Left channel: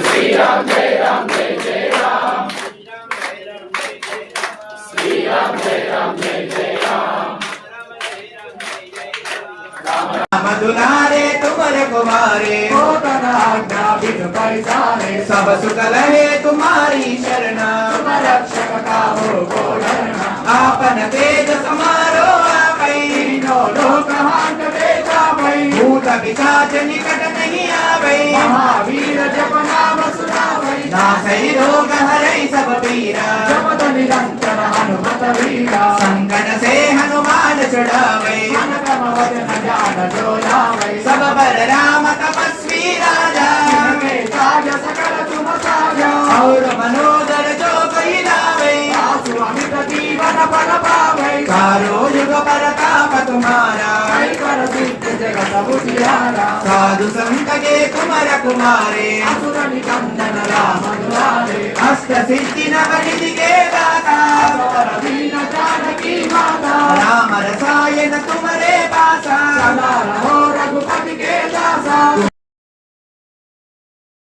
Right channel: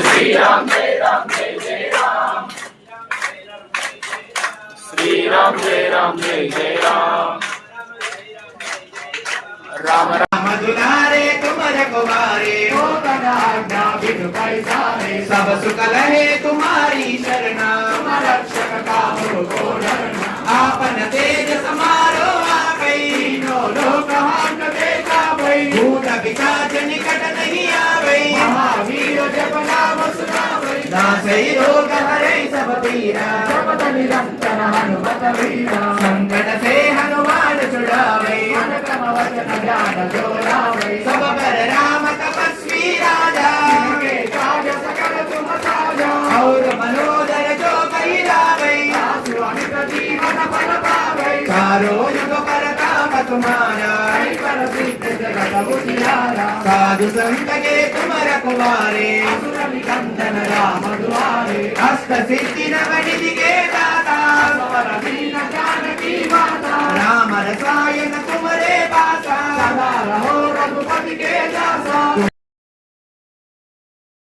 श्री राम जय राम जय जय राम, श्री राम जय राम जय जय राम, राम राम दुलारे तुमर कुमारे हो तनाज्ञा बिनु पैसारे, सब सुख लहे तुम्हारी शरणा, तुम रक्षक काहू को डरना, आपन तेज समारो आपै, तीनों लोक हांक देता भई, भूत पिशाच निकट नहीं आवे, महावीर जप नाम सुनावै, नासै रोग हरै सब पीरा, जपत निरंतर हनुमत वीरा, संकट से हनुमान छुड़ावे, मन क्रम वचन ध्यान जो लावे, सब पर राम तपस्वी राजा, जिनके काज सकल तुम साजा, और मनोदर जो कोई लावे, आसु अमित जीवन फल पावे, चारों युग परताप तुम्हारा, कर सिद्ध जगत उजियारा, साधु संत के तुम रखवारे, असुर निकंदन राम दुलारे, हस्त सिद्धि नवनिधि के दाता, सबर दीन जानकी माता, राम रसायन तुम्हारे पासा, सदा रहो रघुपति के दासा।